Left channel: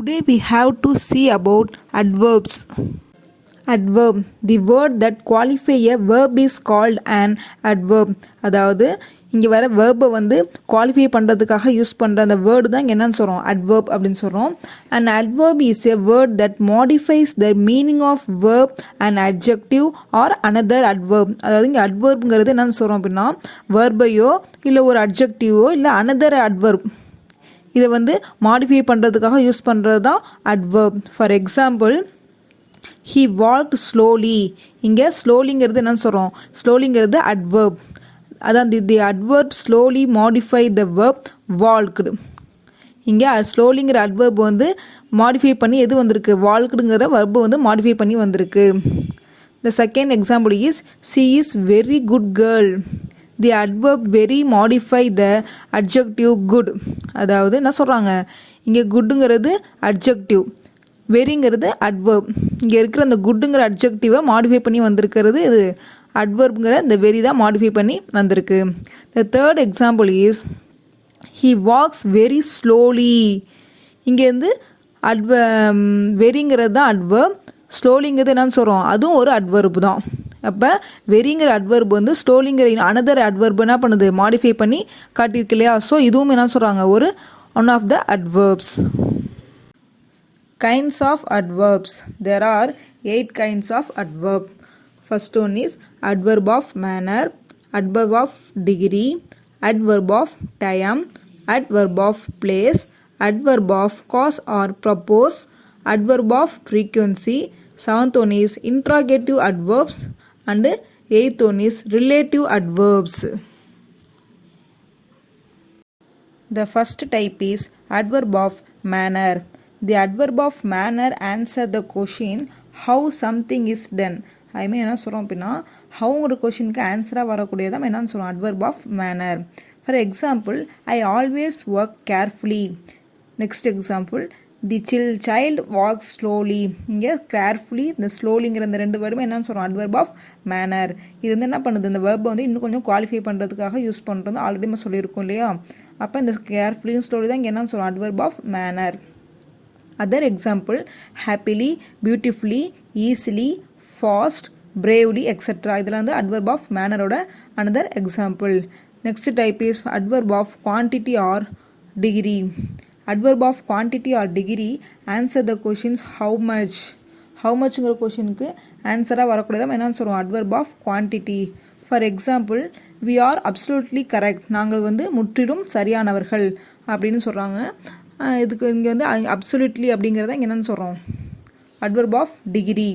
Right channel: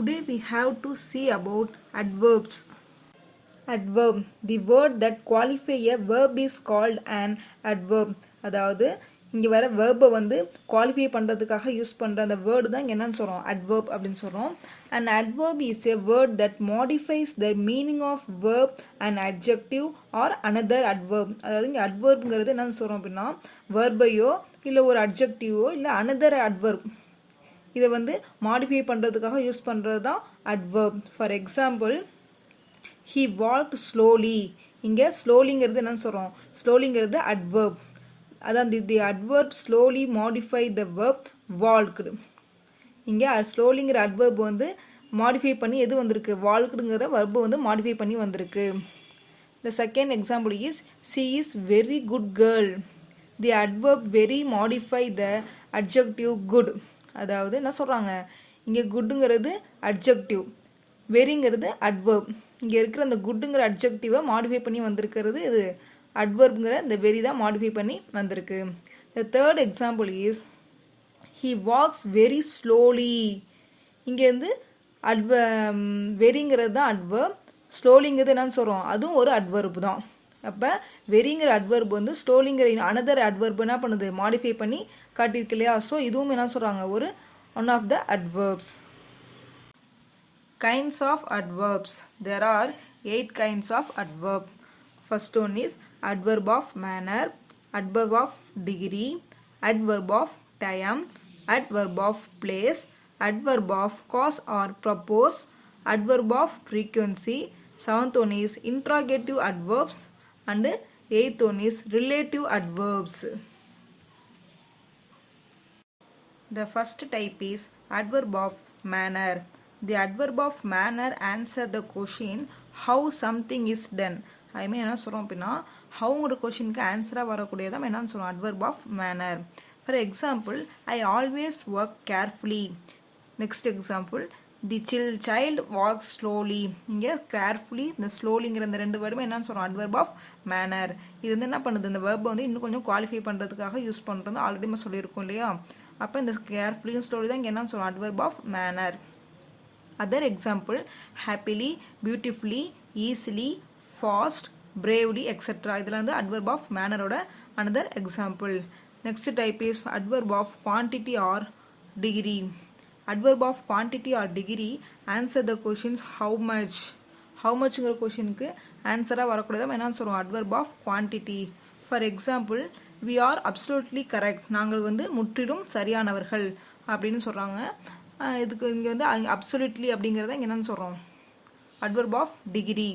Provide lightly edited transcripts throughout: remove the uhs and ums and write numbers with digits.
Today we have to see about adverbs. Adverb. The word that qualify a verb is called an adverb. அதாவது இங்கே வர வேர்பை வந்து qualify பண்ணுறதுக்காக use பண்ணுற அந்த வேர்டு தான் இங்கே என்னன்னு சொல்கிறோம் அட்வர்ப் அப்படின்னு சொல்கிறோம். And adverb is a word that modifies the meaning of verb and adjective or another adverb. அதாவது இங்கே அட்வர்ப்ங்கிறது என்னன்னு சொல்கிறோம் அப்படின்னா வேர்பையோ இல்லை ஒரு அட்ஜெக்டிவோ இல்லை அனதர் அட்வர்ப் இதை வந்து மாடிஃபை பண்ணுறதுக்காக யூஸ் பண்ணுறது தான் adverb. For example he walked slowly. இங்கே ஸ்லோலிங்கிறது என்னன்னு சொல்கிறோம் ஸ்லோலிங்கிறது அட்வர்ப். அதான் the adverb slowly modify the verb walked. இங்கே ஸ்லோலிங்கிற அட்வர்ப் வந்து மாடிஃபை பண்ணி எது வந்திருக்கு வால்க்டுங்கிற வர்பு வந்து மாடிஃபை பண்ணி வந்திருக்கு. The second example is she is very good girl. The adverb very modify the adjective good. அதாவது என்ன சொல்கிறாங்க இங்கே குட்டுங்கிறது அட்ஜெக்டிவ், வெரிங்கிறது அட்வர்ப். இங்கே இருக்கிற அந்த குட்டுங்கிற அட்ஜெக்டிவை மாடிஃபை பண்ணி வந்திருக்கிறது இது அட்வர்ப்ங்கிற இந்த வெரி தான் மாடிஃபை பண்ணி வந்திருக்கு. The third example is he walks very slowly. இங்கேருந்து வெரிங்கிறது தான் அட்வர்ப், ஸ்லோலிங்கிறது என்னன்னு சொல்கிறோம் அதுவும் ஒரு அட்வர்ப் தான். அப்போ வெரிங்கிற அட்வர்ப் வந்து ஸ்லோலிங்கிற அனதர் அட்வர்ப் என்ன பண்ணுது மாடிஃபை பண்ணி காட்டியிருக்கு இல்லையா. ஸோ இதுவும் என்ன சொல்கிறாங்க ஒரு one of the adverbs. Kinds of adverbs. There are 8 kinds of adverb. First one is adverb of manner, adverb of degree, adverb of time, adverb of place, adverb of cause or purpose, adverb of frequency. Seventh one is interrogative adverbs and eighth one is relative adverbs. The first type is adverb of manner. The adverb of manner answer the question how something is done. I mean என்ன சொல்கிறோம் அப்படின்னா ஹவுங்கிற கொஷினுக்கு ஆன்சராக வரக்கூடியதான் என்னன்னு சொல்கிறோம் adverb of manner. For example I always work carefully. Next example the child walk slowly. இங்கே carefully இந்த ஸ்லோலிங்கிற இந்த ரெண்டு வேர்டுமே என்னன்னு சொல்கிறோம் அட்வர்ப் ஆஃப் மேனர். இது வந்து என்ன பண்ணுது இந்த வேர்பை வந்து இன்னும் கொஞ்சம் குவாலிஃபை பண்ணுறதுக்காக யூஸ் பண்ணுறது ஆல்ரெடி நம்ம சொல்லியிருக்கோம் இல்லையா. அப்போ இந்த கேர்ஃபுல்லி ஸ்லோலி தான் இங்கே என்னன்னு சொல்கிறோம் adverb of manner. Other example happily, beautifully, easily, fast, bravely, etc. இதெல்லாம் வந்து adverb of manner ஓட another example. Next type is adverb of quantity or degree. Adverb of quantity or degree answer the questions how much. How muchங்கிற கொஷினுக்கு ஆன்சராக வரக்கூடியதான் என்னன்னு சொல்லுவோம் adverb of quantity. For example we are absolutely correct. நாங்கள் வந்து முற்றிலும் சரியானவர்கள் அப்படின்னு சொல்கிறாங்க. இதுக்கு இங்கே வந்து அப்சல்யூட்லி அப்படிங்கிறத இங்கே என்னென்னு சொல்கிறோம் adverb of degree.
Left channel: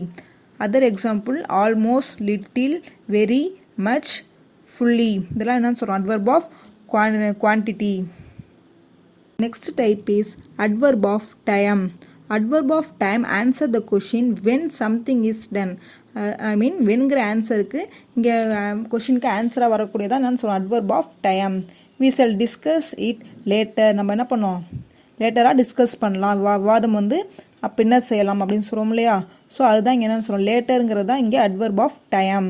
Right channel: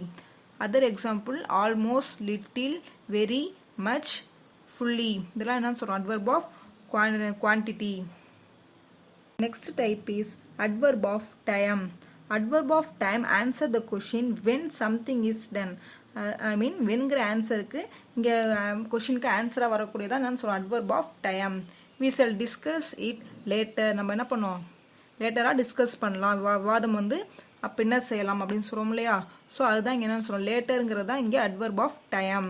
Other example almost, little, very, much, fully இதெல்லாம் என்னென்னு சொல்கிறோம் adverb of quantity. Next type is adverb of time. Adverb of time answer the question when something is done. I mean வென்கிற ஆன்சருக்கு இங்கே கொஷினுக்கு ஆன்சராக வரக்கூடியதான் என்னென்னு சொல்கிறோம் adverb of time. We shall discuss it later. நம்ம என்ன பண்ணோம் லேட்டராக டிஸ்கஸ் பண்ணலாம், விவாதம் வந்து பின்னர் செய்யலாம் அப்படின்னு சொல்கிறோம் இல்லையா. ஸோ அதுதான் இங்கே என்னென்னு சொல்கிறோம் லேட்டருங்கிறது தான் இங்கே adverb of time.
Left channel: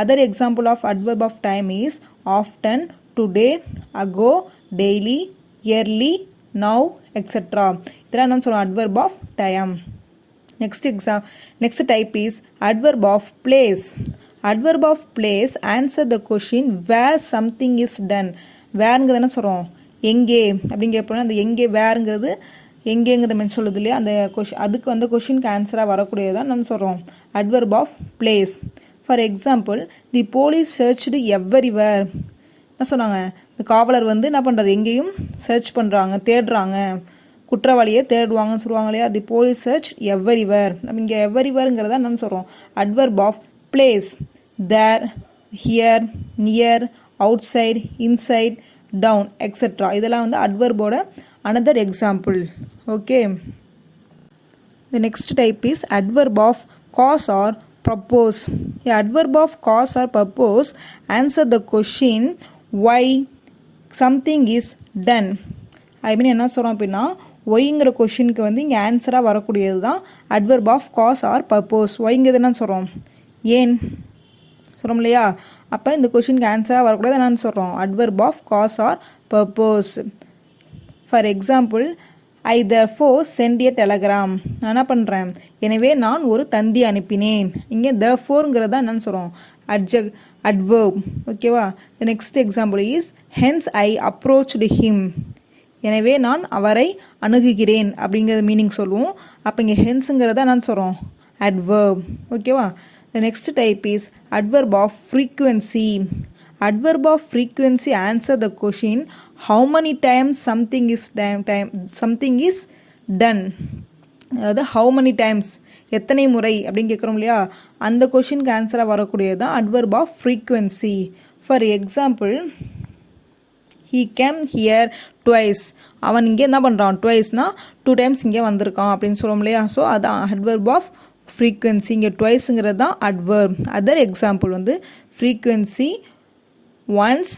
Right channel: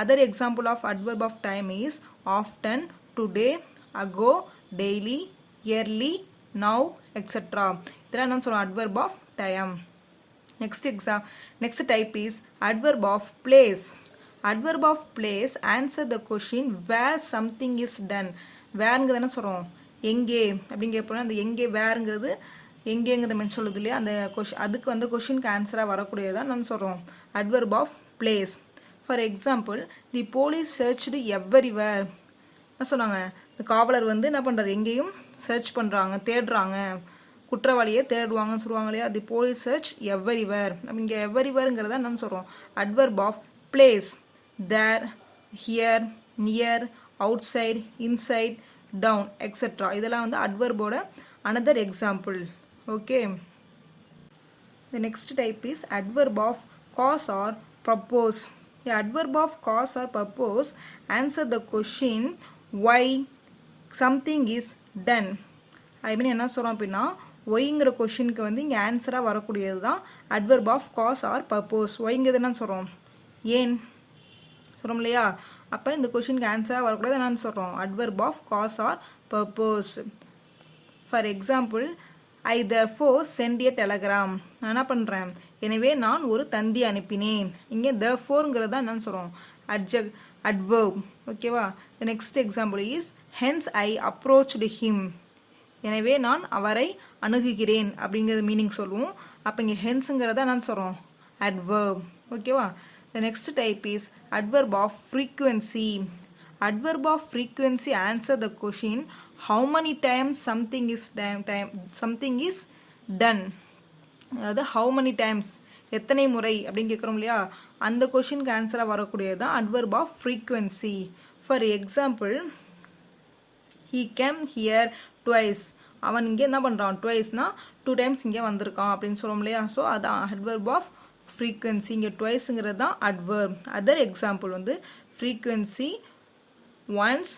Other example of adverb of time is often, today, ago, daily, early, now, etcetera. இதெல்லாம் என்னென்னு சொல்கிறோம் adverb of time. Next type is adverb of place. Adverb of place answer the question where something is done. வேர்ங்கிறது என்ன சொல்கிறோம் எங்கே அப்படின்னு கேட்போம். அந்த எங்கே வேறுங்கிறது எங்கேங்கிறத மென்ஷன் சொல்லுது இல்லையா அந்த அதுக்கு வந்து கொஷினுக்கு ஆன்சராக வரக்கூடியதான் நம்ம சொல்கிறோம் adverb of place. For example the police searched everywhere. என்ன சொன்னாங்க இந்த காவலர் வந்து என்ன பண்ணுறாரு எங்கேயும் சர்ச் பண்ணுறாங்க தேடுறாங்க, குற்றவாளியை தேடுவாங்கன்னு சொல்லுவாங்க இல்லையா. The police search everywhere. நம்ம இங்கே எவ்வரிவேருங்கிறத என்னன்னு சொல்கிறோம் adverb of place. There, here, near, outside, inside, down, etcetera இதெல்லாம் வந்து அட்வர்போட another example. Okay, the next type is adverb of cause or purpose. The adverb of cause or purpose answer the question why something is done. I mean என்ன சொல்கிறோம் அப்படின்னா ஒய்ங்கிற கொஷினுக்கு வந்து இங்கே ஆன்சராக வரக்கூடியது தான் adverb of cause or purpose. ஒய்ங்கிறது என்ன சொல்கிறோம் ஏன் சொல்கிறோம் இல்லையா. அப்போ இந்த கொஷினுக்கு ஆன்சராக வரக்கூடாது என்னன்னு சொல்கிறோம் adverb of cause or purpose. For example I therefore send a telegram. நான் என்ன பண்ணுறேன், எனவே நான் ஒரு தந்தி அனுப்பினேன். இங்கே therefore-ங்கிறதா என்னன்னு சொல்கிறோம், adverb. ஓகேவா. the next example is hence I approached him. எனவே நான் அவரை அணுகுகிறேன் அப்படிங்கிறது மீனிங் சொல்லுவோம். அப்போ இங்கே ஹென்ஸுங்கிறத என்னன்னு சொல்கிறோம், adverb. ஓகேவா. the next type is adverb of frequency. adverb of frequency answer the question how many times something is done. அதாவது how many times எத்தனை முறை அப்படின்னு கேட்குறோம் இல்லையா, அந்த கொஷினுக்கு ஆன்சராக வரக்கூடியது தான் adverb of frequency. For example, he came here twice. அவன் இங்கே என்ன பண்ணுறான், ட்வைஸ்னா 2 times இங்கே வந்திருக்கான் அப்படின்னு சொல்லுவோம் இல்லையா. ஸோ அதான் adverb of frequency. இங்கே ட்வைஸுங்கிறது தான் adverb. அதர் எக்ஸாம்பிள் வந்து frequency, once,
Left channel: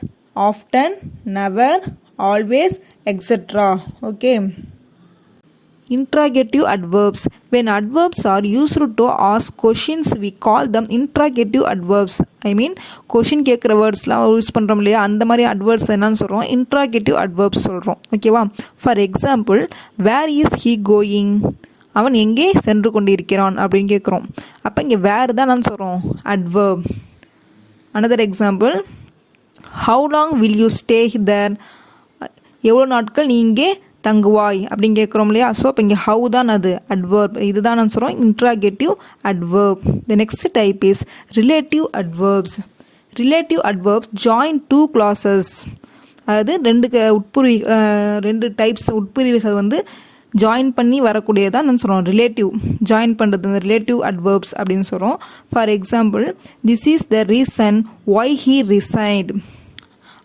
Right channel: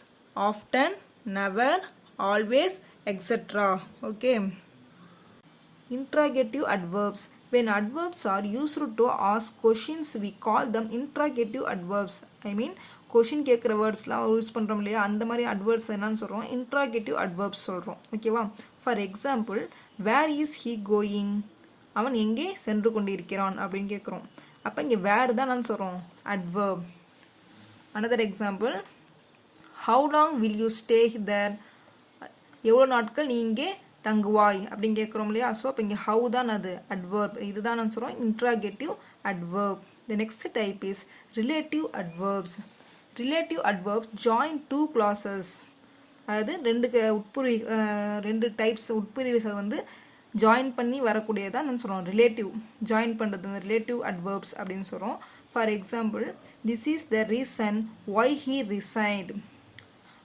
often, never, always, etc. Okay. Interrogative adverbs. When adverbs are used to ask questions, we call them interrogative adverbs. I mean, question கேட்குற வேர்ட்ஸ்லாம் use பண்ணுறோம் இல்லையா, அந்த மாதிரி adverbs என்னன்னு சொல்கிறோம், interrogative adverbs சொல்கிறோம். ஓகேவா. For example, where is he going, அவன் எங்கே சென்று கொண்டிருக்கிறான் அப்படின்னு கேட்குறோம். அப்போ இங்கே வேர் தான் நான் சொல்கிறோம், adverb. Another example, how long will you stay there, எவ்வளோ நாட்கள் நீ இங்கே தங்குவாய் அப்படின்னு கேட்குறோம் இல்லையா. ஸோ அப்போ இங்கே ஹவு தான் அது adverb. இதுதான் நான் சொல்கிறோம் interrogative adverb. the next type is relative adverbs. relative adverbs join two clauses. அதாவது ரெண்டு டைப்ஸ் உட்பிரிவுகள் வந்து ஜாயின் பண்ணி வரக்கூடியதான் நான் சொல்கிறோம் ரிலேட்டிவ். ஜாயின் பண்ணுறது இந்த ரிலேட்டிவ் அட்வர்ப்ஸ் அப்படின்னு சொல்கிறோம். For example, this is the reason why he resigned,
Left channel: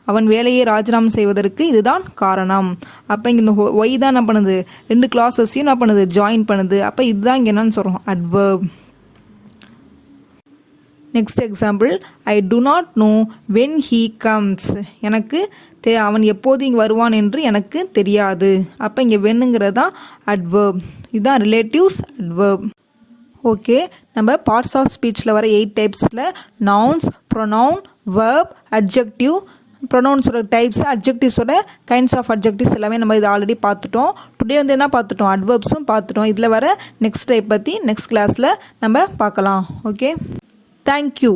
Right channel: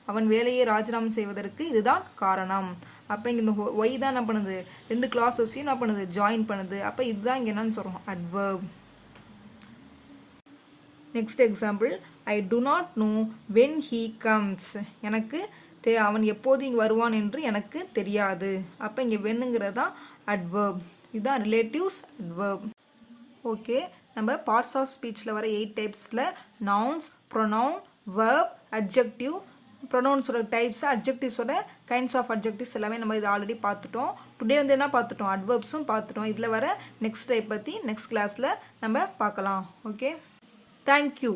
அவன் வேலையை ராஜினாமா செய்வதற்கு இதுதான் காரணம். அப்போ இங்கே இந்த ஒய் தான் என்ன பண்ணுது, ரெண்டு கிளாஸஸையும் என்ன பண்ணுது, ஜாயின் பண்ணுது. அப்போ இதுதான் இங்கே என்னன்னு சொல்கிறோம், adverb. Next example, I do not know when he comes, எனக்கு அவன் எப்போது இங்கே வருவான் என்று எனக்கு தெரியாது. அப்போ இங்கே வென்னுங்கிறது தான் அட்வர்ப். இதுதான் ரிலேட்டிவ்ஸ் அட்வர்ப். ஓகே, நம்ம பார்ட்ஸ் ஆஃப் ஸ்பீச்சில் வர 8 டைப்ஸில் நவுன்ஸ், ப்ரொனவுன், வெர்ப், அட்ஜெக்டிவ், ப்ரொனவுன்ஸோட டைப்ஸ், அட்ஜெக்டிவ்ஸோட கைண்ட்ஸ் ஆஃப் அட்ஜெக்டிவ்ஸ் எல்லாமே நம்ம இது ஆல்ரெடி பார்த்துட்டோம். டுடே வந்து என்ன பார்த்துட்டோம், அட்வர்ப்ஸும் பார்த்துட்டோம். இதில் வர நெக்ஸ்ட் டைப் பற்றி நெக்ஸ்ட் கிளாஸில் நம்ம பார்க்கலாம். Okay, thank you.